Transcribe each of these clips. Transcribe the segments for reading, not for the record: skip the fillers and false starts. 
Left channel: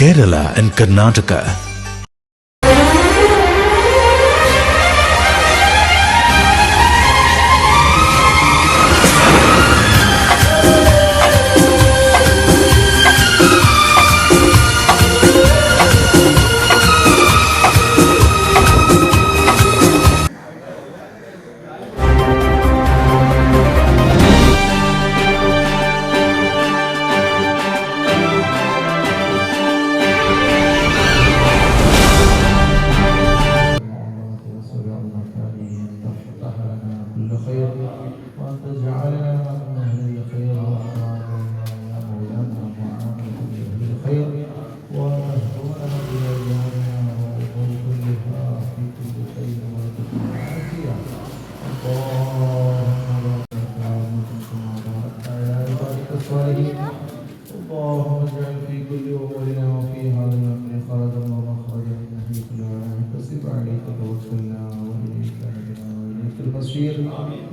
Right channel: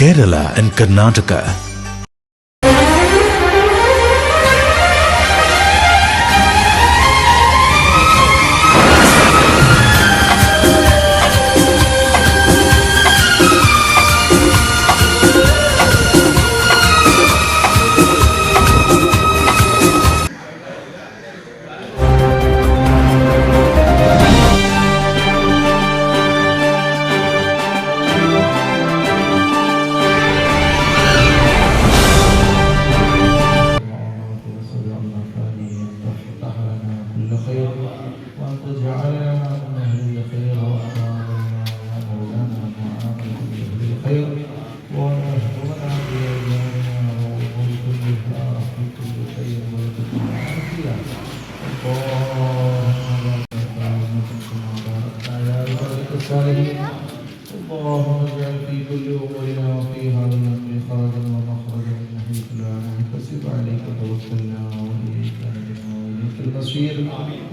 Kerala and Karnataka.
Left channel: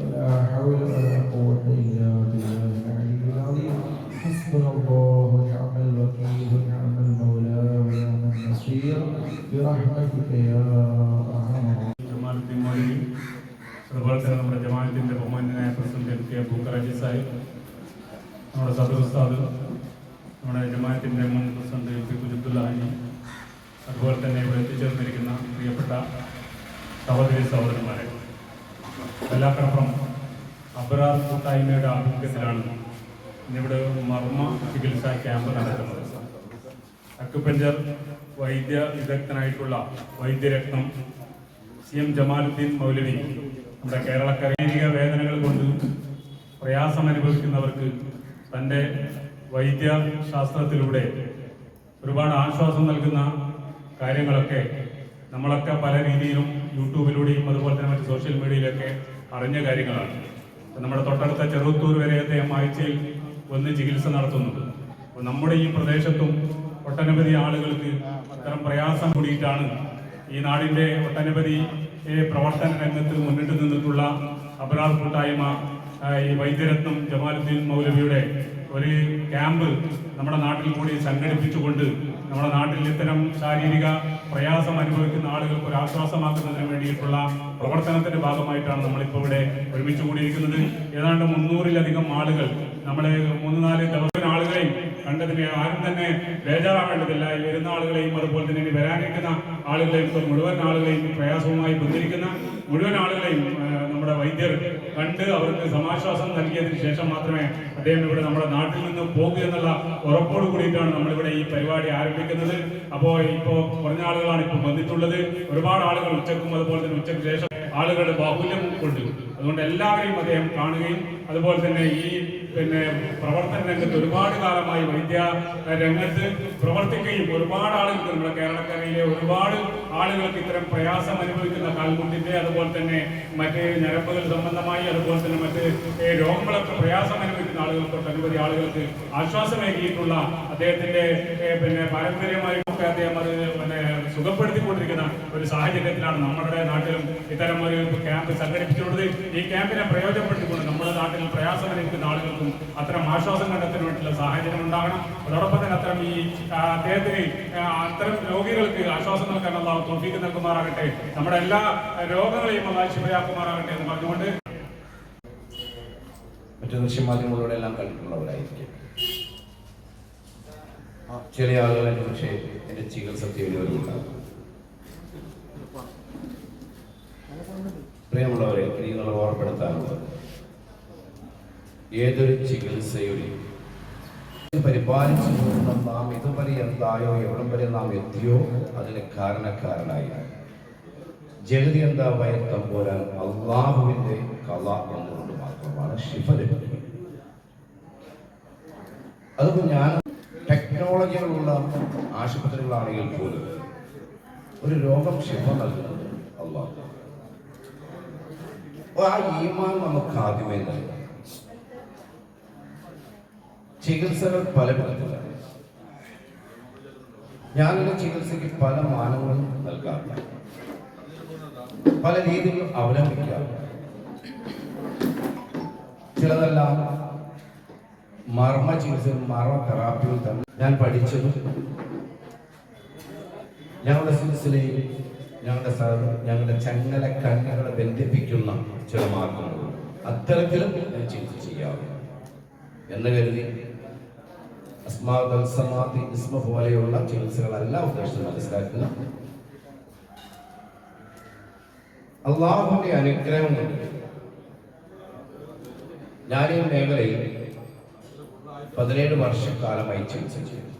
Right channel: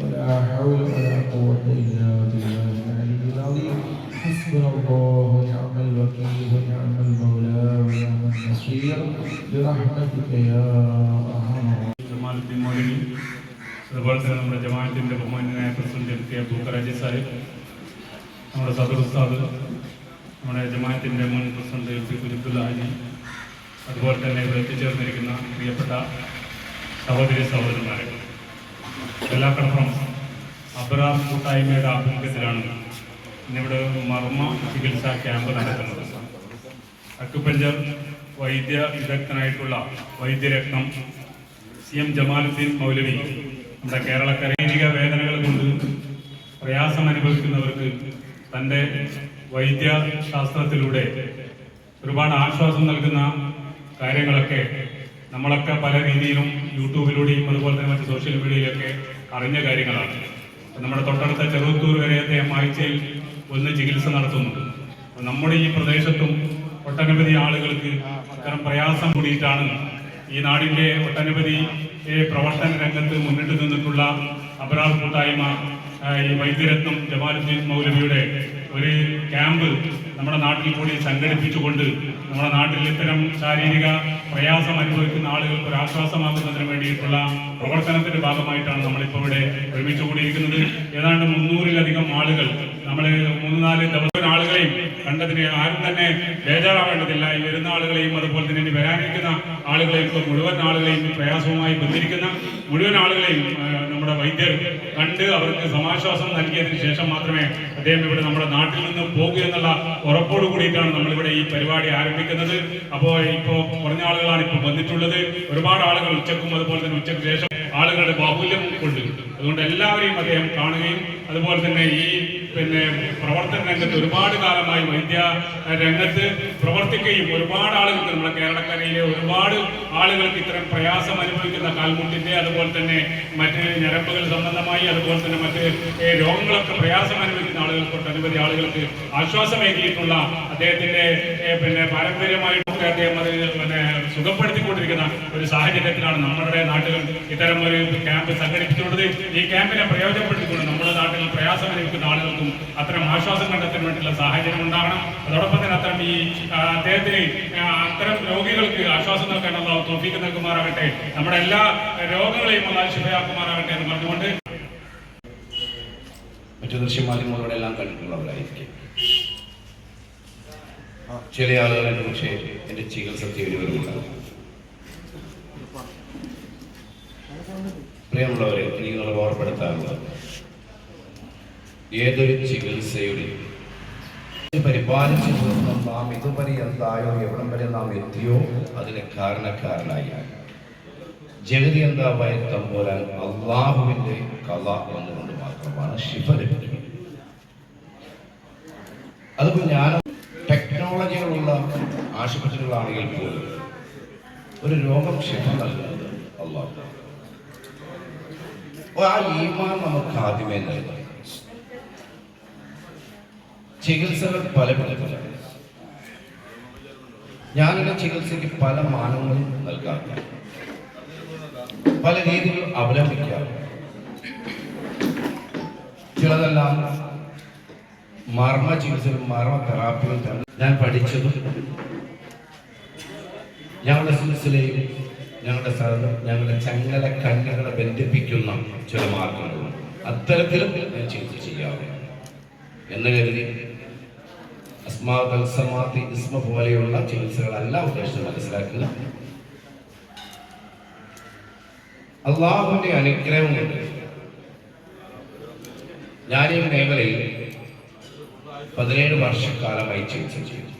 ولا حول ولا قوة إلا بالله العلي العظيم. حسبنا الله ونعم الوكيل ونعم المولى ونعم النصير برحمتك يا أرحم الراحمين. അതുപോലെ തന്നെ നമ്മുടെ ജമാഅത്തിന്റെ ബഹുമാന്യനായ president M K Abdul Kharaji Sahib, നമ്മുടെ സദർ ഉസ്താദ്, നമ്മുടെ ജമാഅത്തിന്റെ മുൻ president M P Kujubdulla Haji, അതുപോലെ തന്നെ ഇവിടെ എത്തിച്ചേർന്നിരിക്കുന്ന പ്രിയപ്പെട്ട സഹോദരി സഹോദരന്മാരെ, വെള്ളാക്കടപ്പുറം അബ്റാർ കൂട്ടായ്മയുടെ ആഭിമുഖ്യത്തിലാണ് ഇന്നിവിടെ മർമ്മ ചികിത്സാ ക്യാമ്പ് നടക്കുന്നത്. അക്യുപഞ്ചർ വൈദ്യ വിദഗ്ധനായിട്ടുള്ള വൈദ്യരത്നം CM ജമാലുദ്ദീൻ മൗലവി നമ്മുടെ കേരളക്കര ശാരീരിക വേദനകൾ കൊണ്ട് പ്രയാസം അനുഭവിക്കുന്നവർക്ക് തൻ്റെ വൈദ്യശാസ്ത്രത്തിലൂടെ ഒരുപാട് ആശ്വാസം നൽകുന്ന കാര്യങ്ങളൊക്കെ നമ്മളൊക്കെ പല രീതിയിലും യൂട്യൂബിലൂടെയും അതുപോലെ തന്നെ മറ്റ് സോഷ്യൽ മീഡിയയിലൊക്കെ അറിഞ്ഞ കാര്യങ്ങളാണ്. നമ്മുടെ തൊട്ടടുത്ത ചെറുത്തൂർ വരെ അദ്ദേഹം ആഴ്ചയിൽ ഒന്ന് ചികിത്സ നടത്തുന്നുണ്ട്. അപ്പോൾ നമ്മുടെ ഈ പ്രദേശത്തും ഒട്ടനവധി ആളുകൾക്ക് അത്തരം പ്രയാസം കൂടിയിട്ടാണ് ഈ നാടിൻ്റെ ഒട്ടനവധി പ്രവർത്തന രംഗത്ത് മുന്നിട്ട് നിന്നിട്ടുള്ള അബ്റാർ കൂട്ടായ്മ ഈ വൈദ്യരത്നം ജമാലുദ്ദീൻ മൗലവിയുടെ ഒരു ക്യാമ്പ് നമ്മുടെ നാട്ടിൽ കൂടി സംഘടിപ്പിച്ചുകൊണ്ട് നമ്മുടെ നാട്ടിൽ ഇത്തരം ശാരീരിക പ്രയാസം അനുഭവിക്കുന്ന ആളുകൾക്ക് ഒരു ആശ്വാസമാക്കുന്നതിന് വേണ്ടിയിട്ടുള്ള പ്രവർത്തനത്തിന്റെ ഭാഗമായിട്ടാണ് നമ്മളിപ്പോൾ ഇവിടെ ഒരുമിച്ച് കൂടിയിരിക്കുന്നത്. ഏതാണ്ട് 300-ലധികം ആളുകൾ നമ്മളെ 3-4 ദിവസം ആളുകളെയും കണ്ടതിന് ആരും തന്നെ ബേജാറാവേണ്ടതില്ല. ഈ വരുന്ന ആളുകളെയും അതുപോലെ തന്നെ ഇനി വരാനിരിക്കുന്ന ആളുകളെയും മുഴുവൻ ആളുകളെയും പ്രയാസവുമായി ബന്ധിരിക്കുന്ന മുഴുവൻ ആളുകളെയും നമ്മുടെ വൈദ്യർ കണ്ട് അവർക്ക് സമാശ്വാസം നൽകിയതിന് ശേഷം മാത്രമേ അദ്ദേഹം ഇവിടെ നമ്മുടെ നാട്ടിൽ നിന്ന് പോകുക എന്നുള്ള ഉറപ്പോട് കൂടിയിട്ടാണ് നമ്മളിവിടെ ഈ പരിപാടി ആരംഭിക്കുന്നത്. അപ്പോൾ ഇപ്പോൾ കുറഞ്ഞ ആളുകളാണ് ഇപ്പോൾ വന്നിട്ടുള്ളത്. ഒരുപാട് ആളുകൾ ഉച്ചക്കും അതുപോലെ തന്നെ ഉച്ചയ്ക്ക് ശേഷം ആളുകളുടെ ബാഹുല്യം കൊണ്ട് അതുകൊണ്ട് എല്ലാവരെയും അദ്ദേഹം കാണുകയും അതുപോലെ തന്നെ ഈ പ്രവർത്തന രംഗത്ത് ഒരുപാട് കാലമായി വൈദ്യ രംഗത്ത് പ്രവർത്തിക്കുകയും ഒരുപാട് ആളുകൾക്ക് നമ്മുടെ കേരളക്കരയിലെ ഒരുപാട് ആളുകൾക്ക് ഇത്തരം പ്രയാസം അനുഭവിക്കുന്ന കാൽമുട്ടിന്റെ അതുപോലെ തന്നെ മറ്റ് ഞരമ്പുകൾ സംബന്ധമായി അതുപോലെ തന്നെ മറ്റ് രോഗങ്ങളൊക്കെ പ്രയാസം അനുഭവിക്കുന്ന ആളുകൾക്ക് ഒട്ടനവധി ആളുകൾക്ക് ആശ്വാസമേകിയിട്ടുള്ള അദ്ദേഹത്തിന്റെ പാരമ്പര്യമായിട്ട് അദ്ദേഹം അത് സുഖപ്പെടുത്തിക്കൊണ്ടിരിക്കുന്ന ഒരു സാഹചര്യത്തിലാണ് നമ്മുടെ നാട്ടിലും ഇത്തരം ഒരു ക്യാമ്പ് സംഘടിപ്പിച്ചുകൊണ്ടത്. ഈ ക്യാമ്പിനെ പ്രയോജനപ്പെടുത്തിക്കൊണ്ട് നമ്മുടെ നാട്ടിൽ പ്രയാസം അനുഭവിക്കുന്ന ആളുകൾക്കും അത്തരം ആശ്വാസം കണ്ടെത്താൻ വേണ്ടിയുള്ള സാഹചര്യം ഉണ്ടാകണം. അതോടൊപ്പം തന്നെ അത്തരം ഈ അദ്ദേഹത്തിന് അത്തരം രോഗികൾക്ക് ആശ്വാസം നൽകാനുള്ള തൗഫീഖ് നൽകുമാറാകട്ടെ, നമ്മുടെ എല്ലാ രോഗങ്ങളെയും അല്ലാഹു ശിഫയാക്കുമാറാകട്ടെ എന്ന് പറഞ്ഞുകൊണ്ട് മറ്റു ദൃശ്യമാധ്യമങ്ങളോടെ എല്ലാം കണ്ടിട്ടുള്ളവരായിരിക്കും. ചില ആളുകളെ പക്ഷേ എൻ്റെ ചികിത്സ തേടിവരുമുണ്ടാകും. പ്രിയമുള്ളവരെ, എനിക്ക് നിങ്ങൾ ഓർമ്മപ്പെടുത്താനുള്ളത് ഏതൊരു ചികിത്സയുടെ പരിപാലിച്ചു നാം ഇതുവരെ എന്തായോ എവിടം വരെ നാം എത്തിയോ അതിന് കാരണക്കാരനായി ജഗതി എന്താവായ തമ്പോലാൻ അള്ളാഹുവിൻ്റെ കല എന്നുകൊണ്ട് മാത്രമാണ് ശിഫ ലഭിക്കുന്നത്. അതിപ്പോൾ ഞാൻ ടെക്നോളജികളുള്ള ആശുപത്രികളാണെങ്കിൽ പോലും ഒരു രോഗം ശിഫ നൽകുന്നത് അള്ളാഹു. ആ ഈമാൻ നമുക്ക് ആദ്യമേ നൽകും. ചികിത്സകൾ പല പലതാണ്. ഞാനെൻ്റെ ചികിത്സയ്ക്ക് പല മാനങ്ങളും നൽകാറുണ്ട്, പല രീതിയിൽ അവലംബിക്കാറുണ്ട്. ചിലതെല്ലാം മർമ്മ ചികിത്സയും മർമ്മ തെറാപ്പിയും തന്നെ ഞാൻ പഠിച്ചതും ഞങ്ങളുടെ സിൽസിലയും ഞങ്ങളുടെ ചങ്ങല കണ്ണുകളെ ബന്ധിപ്പിക്കുന്ന ചില മാർഗങ്ങളും അത്തരത്തിലും ഞാൻ ചികിത്സ ചെയ്യാറുണ്ട് എന്ന് കരുതി അസ്മാതി ഇസ്മ പോലെയുള്ള ചികിത്സകളല്ല ഉദ്ദേശിച്ച് മനസ്സിലാക്കുക. അള്ളാഹുവിന്റെ അനുഗ്രഹം കൊണ്ട് ഞാൻ ഈ മേഖലയിൽ 17 വർഷക്കാലമായി ചികിത്സ ചെയ്തു.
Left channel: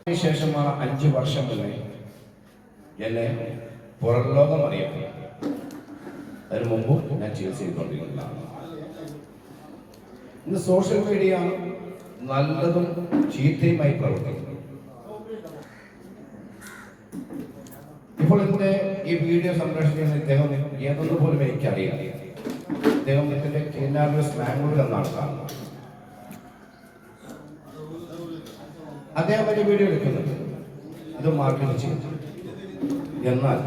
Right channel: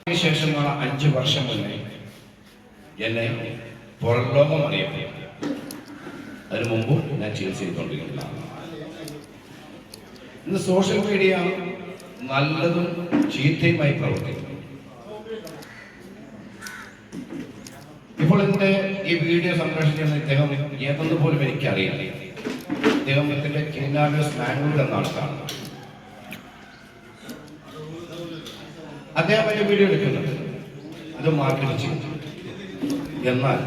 അതിനുശേഷമാണ് 5 വർഷം മുന്നേ എന്നെ പുറം ലോകം അറിയപ്പെട്ടു. അതിനു മുമ്പ് ഞാൻ ചികിത്സ ചെയ്തുകൊണ്ടിരിക്കുന്നതാണ്. ഇന്ന് സോഷ്യൽ മീഡിയ നല്ലതും ചീത്തയുമായി പ്രവർത്തിക്കുന്നു. ഇപ്പോൾ ഇതിന്റെ ഈ വീഡിയോ സംപ്രേഷണം ഇദ്ദേഹം ഏതെന്ന് പോലും എനിക്കറിയില്ല. അദ്ദേഹത്തിന്റെ കിനാബേസ് മാംഗ്ലൂർ എന്നാണ് കാണുന്നത്. അദ്ദേഹം വലിയ വീഡിയോ എടുക്കുന്നുണ്ട്, ഇത് മാർക്കറ്റ് ചെയ്തു. എന്നാൽ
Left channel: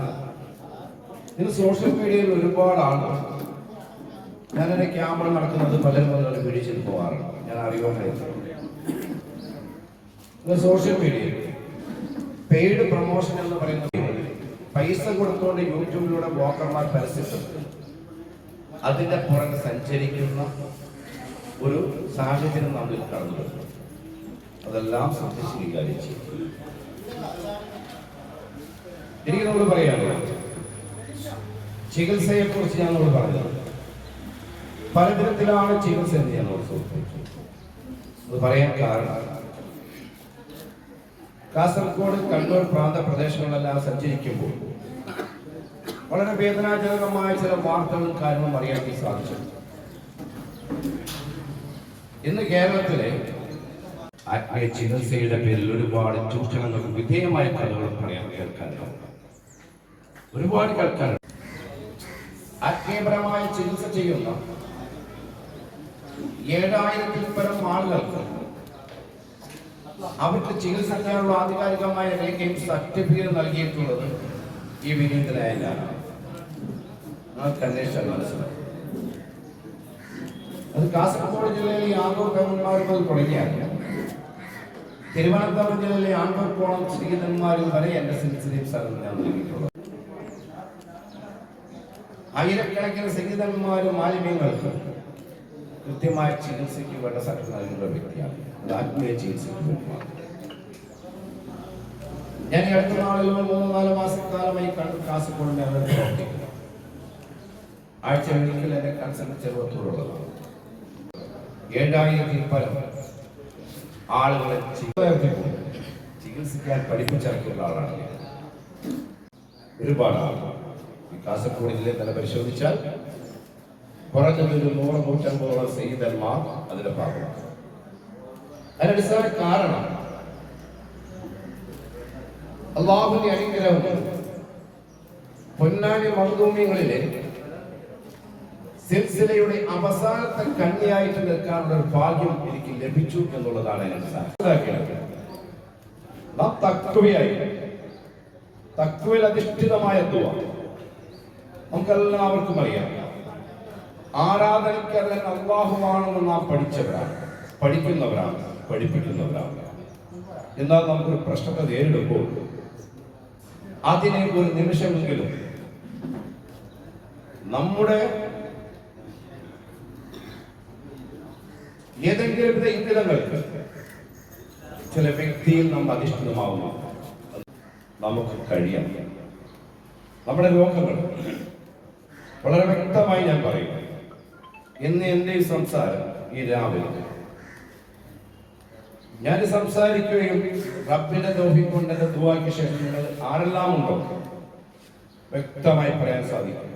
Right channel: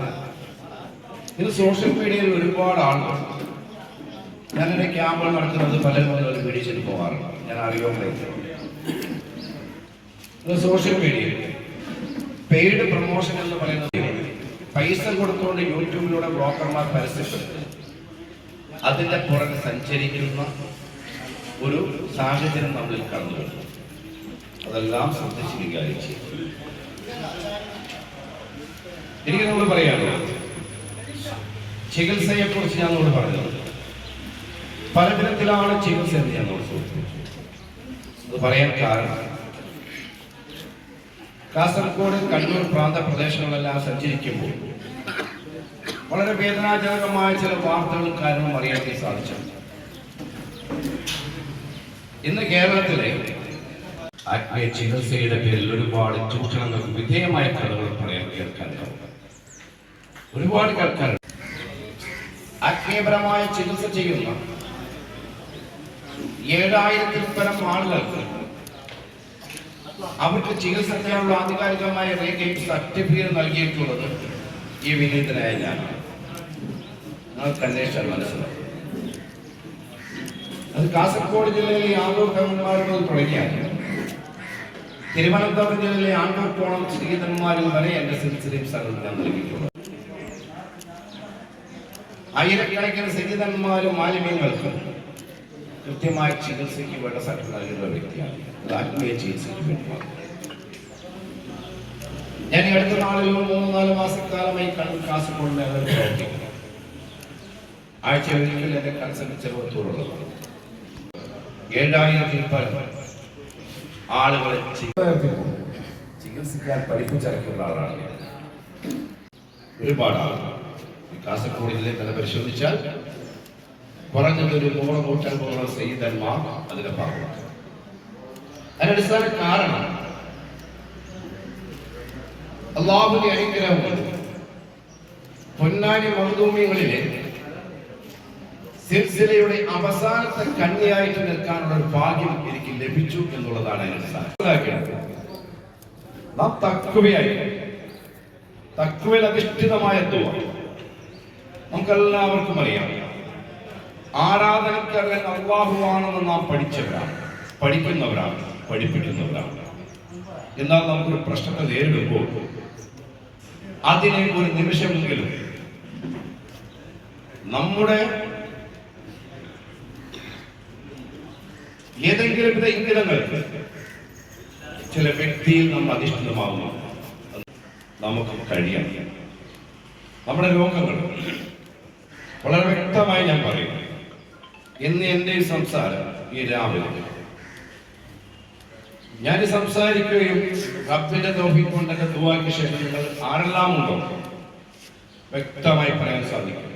ഇത് സോഷ്യൽ മീഡിയയിൽ ഒരുപാട് ആളുകൾ ഞാനെന്റെ ക്യാമറ നടക്കുന്നത് പലരും വീഡിയോ ചെയ്ത് പോകാറുണ്ട്. ഞാൻ അറിയുന്നത് സോഷ്യൽ മീഡിയയിൽ പെയ്ഡ് പ്രൊമോഷൻ എന്ന് പറയുന്നത് പൈസ കൊടുത്തുകൊണ്ട് യൂട്യൂബിലൂടെ ബ്ലോക്കർമാർ പരസ്യപ്പെടുത്തി അതിന്റെ പുറകെ സഞ്ചരിക്കുന്ന ഒരു സാഹചര്യം നമ്മളിൽ കടന്നു വരുന്നു. അതെല്ലാം ശ്രദ്ധിച്ച് കൈകാര്യം ചെയ്യും. എനിക്ക് നമ്മൾ പറയാനുള്ളത് ചികിത്സയെ കുറിച്ച് ഞാൻ നമ്മളോട് പറഞ്ഞത് പലതരത്തിലാണ് ചികിത്സ എന്ന് ഞാൻ സൂചിപ്പിച്ചു. അത് പറയാൻ കാരണം കാസർഗോഡ്, കണ്ണൂർ പ്രാന്ത പ്രദേശങ്ങളെല്ലാം സഞ്ചരിക്കുമ്പോൾ വളരെ വേദനാജനകമായ ചില വാർത്തകളും കാരണവും അറിയാൻ സാധിച്ചു. ഇന്ന് കേരളത്തിലെ ആത്മീയ ചികിത്സയുടെ പേരിൽ ഒരുപാട് ചൂഷണങ്ങൾക്ക് വിധേയമായ കഥകൾ പറയാൻ കേൾക്കാനുണ്ട്. ഒരുപാട് കേൾക്കാനുണ്ട്. ആത്മീയപരമായ ചികിത്സ ചെയ്യുന്ന 7000-ൽ പരം ആളുകൾക്ക് അവർക്ക് ചികിത്സ ചെയ്യാനുള്ള ആധികാരികമായ രേഖയും സർട്ടിഫിക്കറ്റ് നൽകിയിട്ടുള്ളത് ഈ വിനീതനായ ഞാനാണ്. നിങ്ങൾക്ക് അന്വേഷിച്ചാൽ മനസ്സിലാവും. അത് കാസർഗോഡ് ജില്ലയിലെ ആണ്ടൂർ കവന്മാരും തുടങ്ങിയാണ്. തിരുവനന്തപുരം ജില്ലയിലെ ആണ്ടൂർ കോണം ശ്രീധന്മാരിൽ വരെ എന്റെ സിൽസിലയും സ്ഥലത്ത് ഞാൻ നൽകിയിട്ടുള്ളത്. ആയിരക്കണക്കിന് സംഗീതന്മാരും മാലിന്യങ്ങൾക്ക് കൃത്യമായ ചികിത്സയ്ക്ക് വേണ്ട സർട്ടിഫിക്കറ്റ് നൽകുന്ന വ്യക്തിയാണ്. അത് ആത്മീയ ചികിത്സയ്ക്ക് വേണ്ടി മാത്രം. ഞാൻ ഈ അടുത്ത നാളിലും 3-4 മാസക്കാലമായി കാസർഗോഡ് മേഖല പ്രവർത്തിക്കുന്നു. ആഴ്ചയൊരിക്കൽ എന്റെ കൺസൾട്ട് ചെറുപ്പത്തൂരുള്ളതാണ്. 7000-ൽ പരം ആളുകളെ ചികിത്സിക്കാൻ പഠിപ്പിച്ചിറക്കിയുള്ള ആളാണ് ഞാൻ. ഒരുപാട് ആളുകൾ കാസർഗോഡ് ജില്ലയിൽ തന്നെ പരിശോധിച്ചാൽ കുറഞ്ഞത് ഒരു 100-150 സയ്യിദന്മാർ അതിന്റെ ഭാഗമാണ്. അതിനടിസ്ഥാന കാരണം അള്ളാഹുവിന്റെ അനുഗ്രഹം പൊന്നാനി മഖ്ദൂമികളിലെ സിൽസിലയുടെ അവസാനത്തെ കണ്ണിയായിട്ട് നിൽക്കാനുള്ള ഒരു ഭാഗ്യം എനിക്ക് ലഭിച്ചു എന്നുള്ളതാണ് തഖ്വയിൽ അധിഷ്ഠിതമായ ദുആ. നമുക്കെല്ലാവർക്കും അറിയാം, ആരാധനക്കർഹൻ അല്ലാഹുവാണെന്ന് നാം പഠിച്ചവരാണ്, പഠിക്കുന്നവരാണ്, പഠിപ്പിക്കുന്നവരാണ്. എന്നാൽ നമുക്കൊരു പ്രശ്നത്തെ നേരിടുമ്പോൾ അതിനെ ഒരു നിമിഷമെങ്കിലും നമ്മുടെ ഏതെങ്കിലും വിധ ഇംഗിതങ്ങൾക്ക് ചില വ്യക്തിയിൽ നമ്മൾ അധിഷ്ഠിതമാവുന്നു. നമുക്ക് കഴിയണം. നമ്മുടെ രോഗങ്ങൾ വളരെ വ്യക്തമായി ഞാൻ പറയുന്നു. ഇന്ന് എൻ്റെ ഈ സംസാരം ഈ രാവിലെ ഞാൻ സംസാരിക്കുകയും റബ്ബിന്റെ തൗഫീഖ് കൊണ്ട് എന്റെ ദുആയ്ക്ക് ശേഷം നിങ്ങൾ ആരെല്ലാം ഉണ്ടോ വ്യക്തമായി പറയാൻ സാധിക്കും.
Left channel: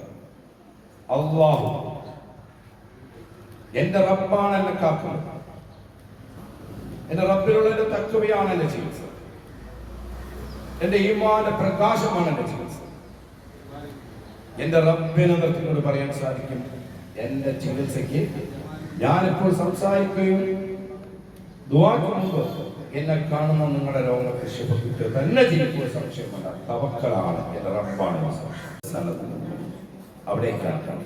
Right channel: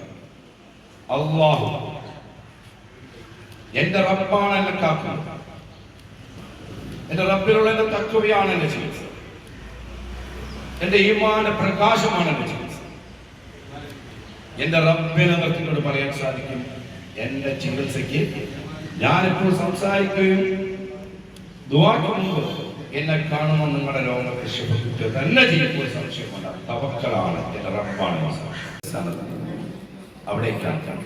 അല്ലാഹു എന്റെ റബ്ബാണ് എന്നെ കാക്കുന്നത്. എന്റെ റബ്ബിലുള്ള എന്റെ തഖ്വയാണ് എന്റെ ചികിത്സ. എന്റെ ഈമാന്റെ പ്രകാശമാണ് എന്റെ ചികിത്സ. എന്റെ റബ്ബിനെ നിർത്തിക്കൊണ്ട് പറയാൻ സാധിക്കും, എന്റെ ചികിത്സയ്ക്ക് ഞാനിപ്പോൾ സംസാരിക്കുകയും ദുആക്ക് മുമ്പ് എന്നെ കാണുന്ന നിങ്ങളുടെ രോഗങ്ങൾക്ക് ശിഫ തന്നെ ചെയ്യുമ്പോൾ സംശയമുണ്ട്. തവക്കലാണ്, എന്റെ റബ്ബാണ് അവിടേക്കാണ്.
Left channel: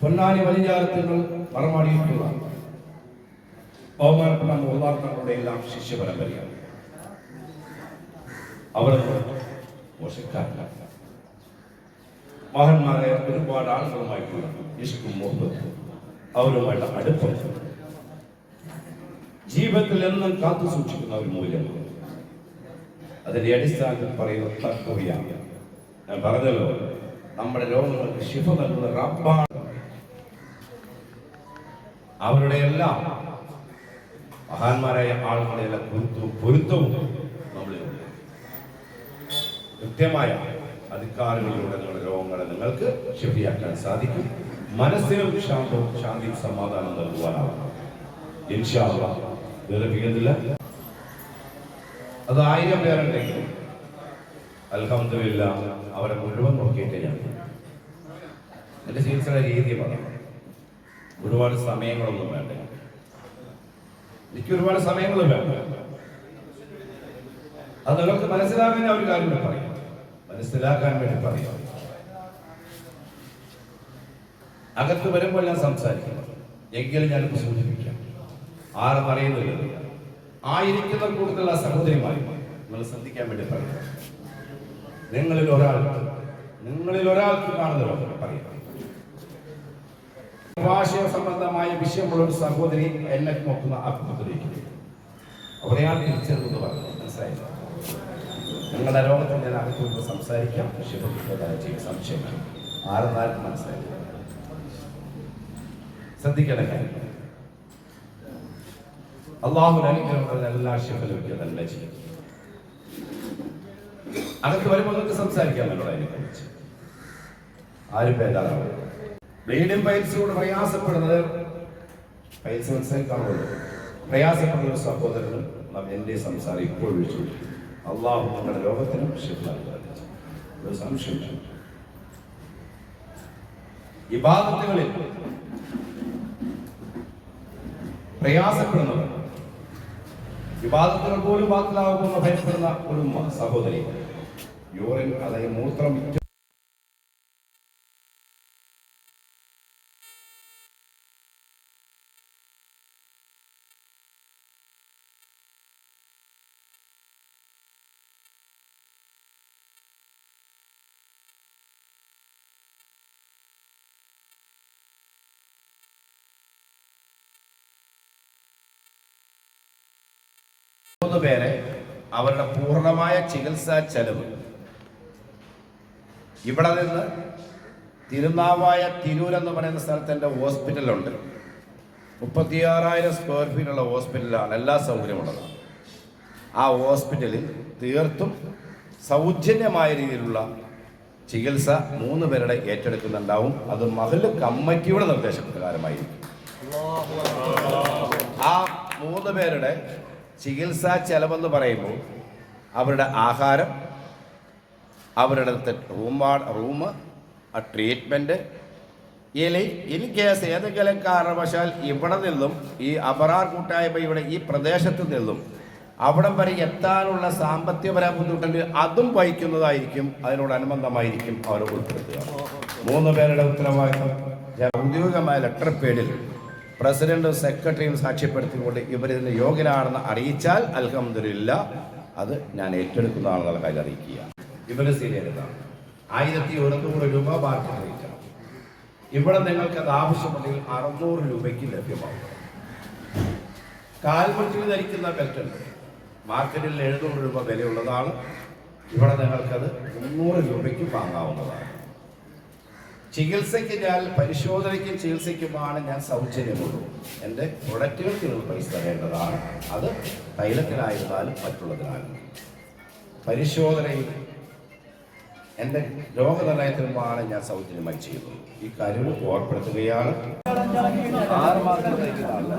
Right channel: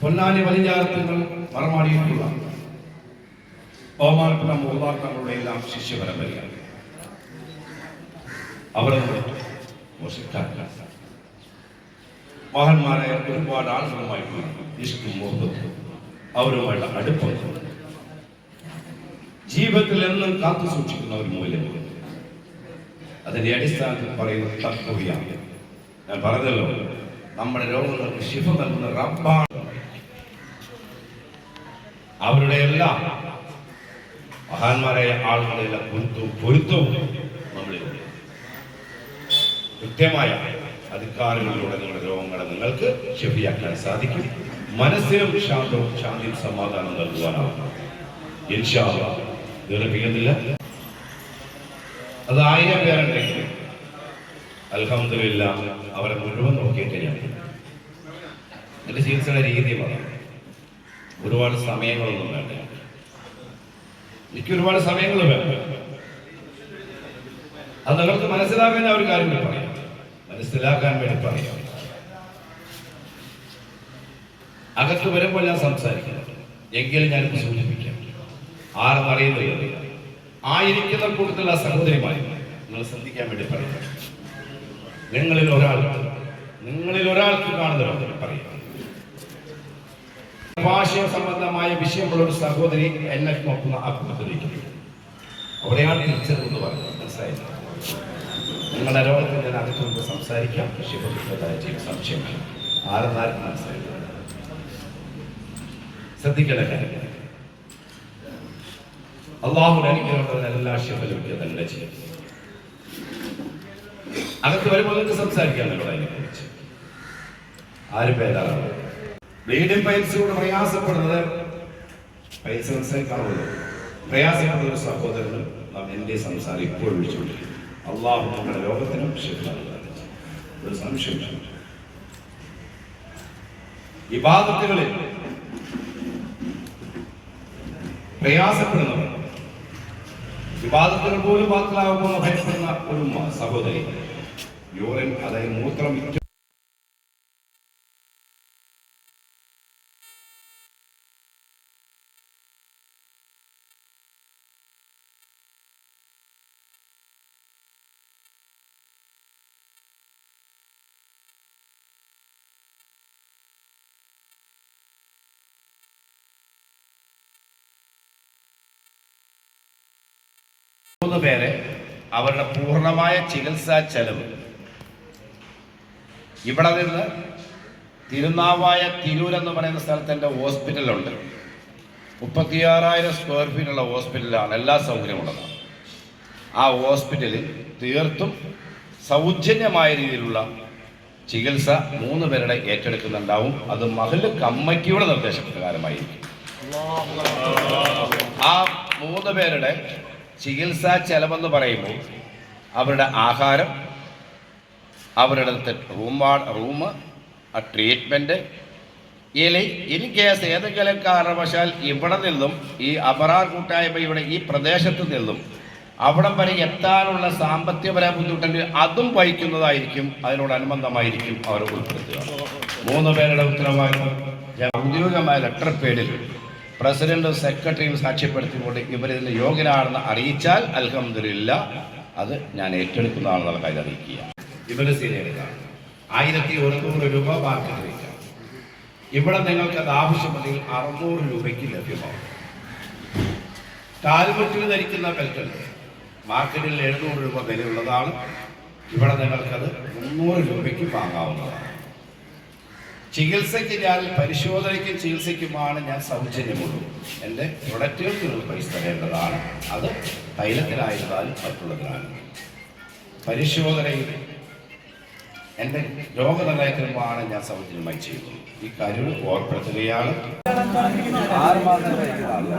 പൊന്നാനി വലിയാർത്തുകൾ മറമാടിയിട്ടുള്ള ബഹുമാനപ്പെട്ട മുഹ്താക്കളുടെ എല്ലാം ശിഷ്യപരമ്പരയാണ്. അവർ മോശക്കാരല്ല. മഹാന്മാരായ ഒരുപാട് ആളുകളുമായിട്ടുള്ള ഇഷ്കും മുഹബത്തും അവരുമായിട്ട് അടുപ്പം ജീവിതത്തിൽ എന്നും കാത്തു സൂക്ഷിക്കുന്ന ഒരു മൂല്യമാണ്. അതിന്റെ അടിസ്ഥാനത്തിൽ പറയുന്ന തത്വയാണ്. ഞാൻ പറഞ്ഞല്ലോ, നമ്മുടെ രോഗങ്ങൾക്ക് ശിഫ നൽകുന്ന റബ്ബാണ്. അവരുടെ എല്ലാം മഹാന്മാരായ ആളുകളുടെ എല്ലാം പൊരുത്തവും നമ്മളിലുണ്ട്. കൃത്യമായ അധികാരങ്ങളിലൂടെ നിങ്ങളുടെ രോഗങ്ങളെ നിങ്ങൾക്ക് ശിഫിയാക്കാൻ സാധിക്കും. മനസ്സിനും ശാന്തിയും സമാധാനം നൽകുവാനാവും. ഇൻഷാ അല്ലാഹ് ദീർഘിക്കുന്നില്ല. അത് 1000 പേരുണ്ടെങ്കിൽ അൽഹംദുലില്ലാ അവരെ മുഴുവൻ നോക്കിയിട്ട് ഞാൻ എൻ്റെ ചികിത്സയുടെ രീതി പറയാം. ഒരുപാട് സമയങ്ങളൊന്നും വേണ്ട. എനിക്ക് ഒരുപാട് സമയങ്ങൾ വേണ്ട. അത് നിങ്ങൾക്ക് മനസ്സിലാക്കാൻ ഞാൻ ഒരു കാര്യം പറയാം. മനസ്സിലാക്കാൻ വേണ്ടി പറയാം. അകത്ത് വരുമ്പോൾ ഞാൻ സംസാരിക്കുന്നത് എങ്കിലും ഞാനിപ്പോൾ സൂചിപ്പിക്കാം. ആരെന്ന് അറിയുന്നില്ല. ആയിരിക്കുന്ന കൂട്ടത്തിലുള്ള സഹോദരിമാർ നിങ്ങൾ ശ്രദ്ധിക്കാൻ വേണ്ടി പറയാം. നിങ്ങളിൽ ഒരാൾക്ക് കാണുന്നവർ പറയാം. ഭാഷ സംബന്ധമായ വിഷയമുള്ള ഒരു സഹോദരി എന്നെ നോക്കുന്ന അഭിമുഖത്തിരിക്കുന്നു. അവിടെയാണ് തിരിച്ചറിവെന്ന് പറയുന്നത്. മനസ്സിലായില്ല? നിങ്ങളുടെ രോഗത്തിൽ ഞാൻ അകത്തുകൊണ്ട് സംസാരിക്കാം. ചെയ്ത സംശയം ആരെന്നാർക്കും മനസ്സിലായില്ല. ശ്രദ്ധിക്കേണ്ട കാര്യം, അള്ളാഹു അനുഗ്രഹമുള്ള എല്ലാ ശിഫലും തന്നെ ചെയ്യും. അകത്ത് വരുമ്പോൾ നിങ്ങൾക്ക് സംസാരിക്കാൻ എന്നോട് അതിനെക്കുറിച്ച് ആരും പേരാണ്. ബ്ലീഡിംഗ് പൈൽസ് കൊണ്ട് പ്രയാസപ്പെടുന്നത് പൈൽസ് മനസ്സിലാക്കാണുള്ളൂ. പ്രയാസപ്പെടുന്ന ഒരു സഹോദരനും എൻ്റെ സംസാരം ഇപ്പോൾ വിളിച്ചുകൊണ്ടിരിക്കും. അള്ളാഹു നമ്മുടെ ലോകത്തിനും ശിഫ നൽകാതെ ഒരു സംശയം. ഇബാദത്തുകളിൽ പ്രയാസപ്പെടുന്നവർ, വിവാദത്തുകൾ പോലും ബാത്തിലാകുമെന്ന് ഭയപ്പെടുന്ന ഒരു സഹോദരി യൂറിൻ, അതായത് മൂത്രം പേരെ അവരുടെ പൂർണ്ണമായ ചികിത്സാ ചെലവ് ഇവിടെ നിന്ന് തിരുനാവായ തിരൂരെന്ന് പറയുന്ന സ്ഥലത്ത് എൻ്റെ ഹോസ്പിറ്റലുണ്ട്. 36,000 സ്ക്വയർ ഫീറ്റുള്ള ഹോസ്പിറ്റലാണ്. എല്ലാ സൗകര്യമുള്ളതാണ്. ആ ഹോസ്പിറ്റലിൽ തീർത്തും സൗജന്യമായ രീതിയിലുള്ള ചികിത്സ 3 പേരുടെ ഏറ്റെടുക്കുന്നുണ്ടാവും. അത് മഹല്ല് കമ്മിറ്റിയുടെ നിർദ്ദേശപ്രകാരമായിരിക്കും. ആ 3 പേരുടെ ചികിത്സാ ചെലവെന്ന് പറയുമ്പോൾ അവരുടെ ആഹാരം, അവരുടെ റൂം, ആ ട്രീറ്റ്മെൻറ്റ്, ഇൻ കേസ് ഏതെങ്കിലും കാരണവശാൽ ഇവിടെ നിന്നും ഈ അബറാർ കൂട്ടായ്മയുടെ ഈ പ്രദേശത്ത് നിന്നും അവിടം വരെ എത്താനുള്ള സാമ്പത്തികപരമായ ബുദ്ധിമുട്ടുണ്ടെങ്കിൽ അതും വഹിക്കുന്നതായിരിക്കും. അതിനോടനുബന്ധമായിരിക്കും അവർ ഉൾപ്പെടുത്തുക. 3 പേരുടെ ഉത്തരവാദിത്വം ഔദ്യോഗികമായ ലെറ്റർ പേഡിൽ പ്രസിഡന്റും സെക്രട്ടറിയും സാക്ഷ്യപ്പെടുത്തിക്കൊണ്ട് ഇവരിതിന് യോഗ്യനാണെന്ന് അറിയിച്ചാൽ അൽഹംദുലില്ലാ അത് ഞാൻ ഏറ്റെടുക്കുന്നതാണെന്നുള്ള കാര്യം അറിയിക്കുക. ഇവര് സീനിയറുകളാണ്. 1100 രൂപ മാർക്കറ്റ് റേറ്റാണ്. ഇവിടെ നിങ്ങൾക്ക് അത് ആവശ്യമുണ്ടെങ്കിൽ 600 രൂപയ്ക്ക് ലഭ്യമാകും. കാൽമുട്ടിൽ ധരിക്കുന്ന ബെൽറ്റുണ്ട്. മാർക്കറ്റിൽ 700 രൂപ വിലയുള്ളതാണ്. ഇവിടെ നിങ്ങൾക്കത് 300 രൂപയ്ക്ക് വാങ്ങാവുന്നതാണ്. ചികിത്സയ്ക്ക് ഞാൻ പരിശോധനയ്ക്കും ചികിത്സയ്ക്കുമാണ് ഞാൻ സൗജന്യമുള്ളൂ. എൻ്റെ പ്രൊഡക്റ്റുകൾക്ക് നിങ്ങൾ പൈസ തരേണ്ടതാണ്. അത് തൈലത്തിനായിരുന്നാലും മറ്റുള്ളതിനാലും. പരിശോധനയിൽ എൻ്റെ രോഗനിർണയത്തിനുമാണ് ഞാൻ സൗജന്യമായി ചെയ്യുന്നത്. ഈ കാര്യം ഓർപ്പെടുത്തുകയാണ്. 6 മാസം Allah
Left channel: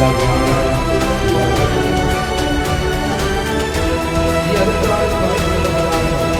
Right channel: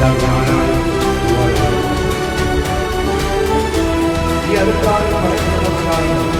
എല്ലാ ജ്ഞാനവും ഈ അടുത്തായി പറയുന്നതാണ്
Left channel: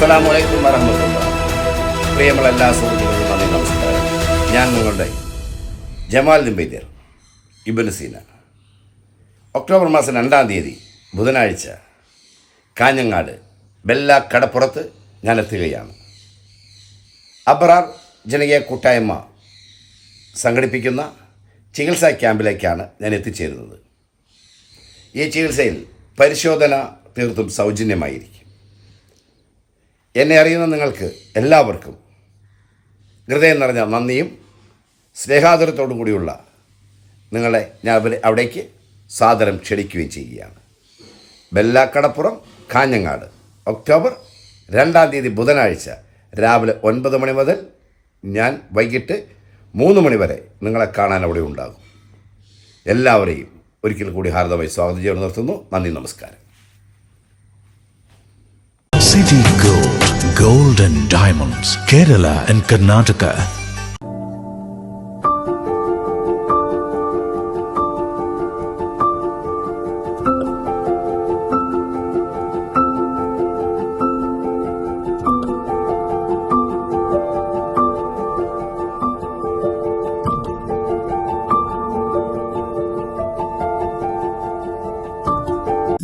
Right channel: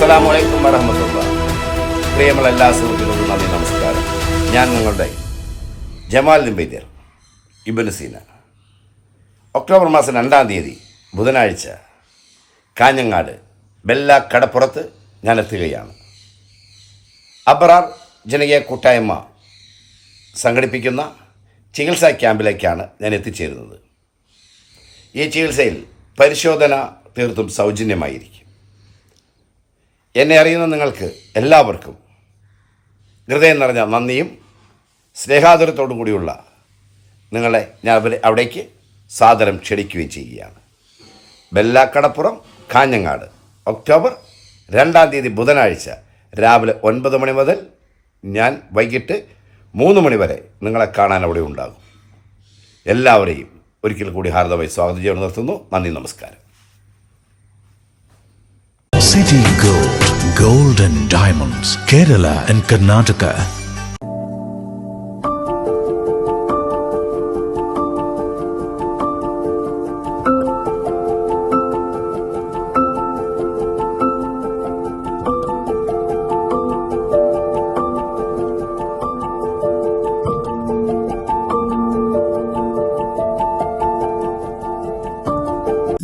അസ്സലാമു അലൈക്കും വറഹ്മത്തുള്ളാഹി. പ്രിയമുള്ള എല്ലാ സുഹൃത്തുക്കൾക്കും നന്ദി, നമസ്കാരം. ഞാൻ നിങ്ങളുടെ ജമാൽ നിംബൈദ്യർ ഇബ്നു സീന. ഒക്ടോബർ മാസം 2-ാം തീയതി ബുധനാഴ്ച കാഞ്ഞങ്ങാട് ബെല്ല കടപ്പുറത്ത് ഞാൻ എത്തുകയാണ്. അബ്റാർ ജനകീയ കൂട്ടായ്മ സംഘടിപ്പിക്കുന്ന ചികിത്സാ ക്യാമ്പിലേക്കാണ് ഞാൻ എത്തിച്ചേരുന്നത്. ഈ ചികിത്സയിൽ പരിശോധന തീർത്തും സൗജന്യമായിരിക്കും. എന്നെ അറിയുന്ന നിങ്ങൾക്ക് എല്ലാവർക്കും ഹൃദയം നിറഞ്ഞ നന്ദിയും സ്നേഹാദരത്തോടും കൂടിയുള്ള നിങ്ങളെ ഞാൻ അവിടേക്ക് സാദരം ക്ഷണിക്കുകയും ചെയ്യുകയാണ്. ബെല്ലാക്കടപ്പുറം കാഞ്ഞങ്ങാട് ഒക്ടോബർ 2-ാം തീയതി ബുധനാഴ്ച രാവിലെ 9 മണി മുതൽ ഞാൻ വൈകിട്ട് 3 മണി വരെ നിങ്ങളെ കാണാൻ അവിടെ ഉണ്ടാകും. എല്ലാവരെയും ഒരിക്കൽ കൂടി ഹാർദമായി സ്വാഗതം ചെയ്ത് നിർത്തുന്നു. നന്ദി, നമസ്കാരം. City Gold, Gold and Diamonds, Kerala and Karnataka.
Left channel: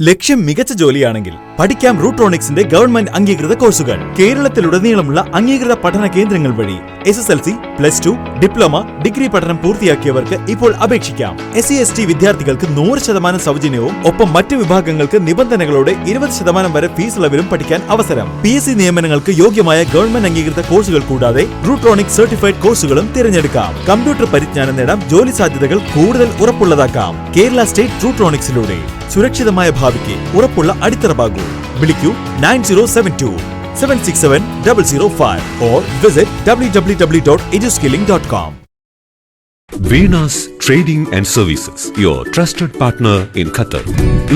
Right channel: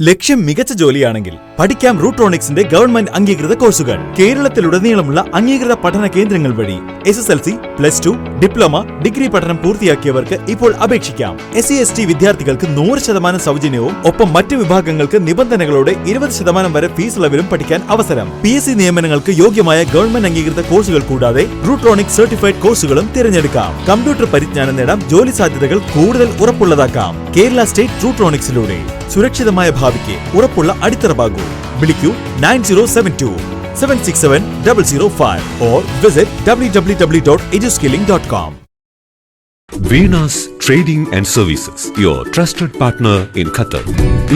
ലക്ഷ്യം മികച്ച ജോലിയാണെങ്കിൽ പഠിക്കാം റൂട്രോണിക്സിന്റെ ഗവൺമെന്റ് അംഗീകൃത കോഴ്സുകൾ. കേരളത്തിലുടനീളമുള്ള അംഗീകൃത പഠന കേന്ദ്രങ്ങൾ വഴി SSLC, +2, ഡിപ്ലോമ, ഡിഗ്രി പഠനം പൂർത്തിയാക്കിയവർക്ക് ഇപ്പോൾ അപേക്ഷിക്കാം. SC/ST വിദ്യാർത്ഥികൾക്ക് 100% സൗജന്യവും ഒപ്പം മറ്റ് വിഭാഗങ്ങൾക്ക് നിബന്ധനകളോടെ 20% വരെ ഫീസ് ഇളവിലും പഠിക്കാൻ അവസരം. PSC നിയമനങ്ങൾക്ക് യോഗ്യമായ ഗവൺമെന്റ് അംഗീകൃത കോഴ്സുകൾ കൂടാതെ റൂട്രോണിക്സ് സർട്ടിഫൈഡ് കോഴ്സുകളും തിരഞ്ഞെടുക്കാം. കമ്പ്യൂട്ടർ പരിജ്ഞാനം നേടാം, ജോലി സാധ്യതകൾ കൂടുതൽ ഉറപ്പുള്ളതാക്കാം. കേരള സ്റ്റേറ്റ് റൂട്രോണിക്സിലൂടെ സുരക്ഷിതമായ ഭാവിക്ക് ഉറപ്പുള്ള അടിത്തറ. വിളിക്കൂ 9072 767 005 or visit www.eduskilling.com. Venus Trading and Services, your trusted partner in Qatar.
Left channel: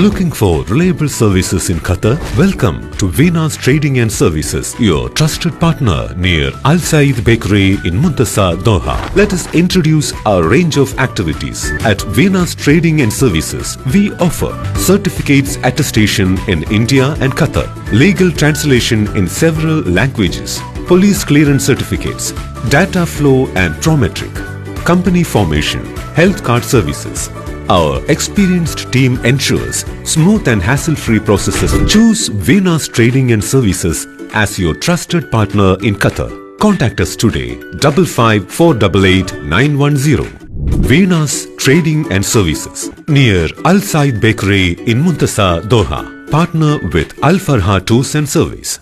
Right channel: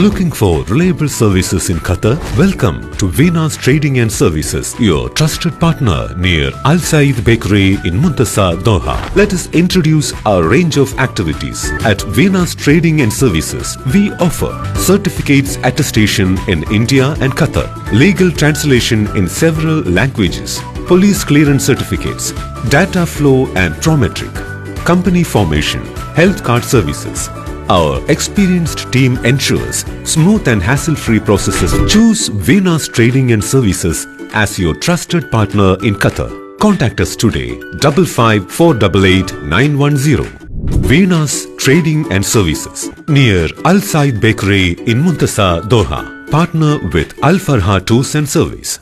Looking for reliable services in Qatar? Welcome to Venus Trading and Services, your trusted partner near Al Said Bakery in Muntasa, Doha. Let us introduce our range of activities. At Venus Trading and Services, we offer certificates attestation in India and Qatar, legal translation in several languages, police clearance certificates, data flow and prometric, company formation, health card services. Our experienced team ensures smooth and hassle-free processes. Choose Venus Trading and Services as your trusted partner in Qatar. Contact us today 55 488 910. Venus Trading and Services near Al Said Bakery in Muntasa, Doha. Partner with Al Farha Tours and Service.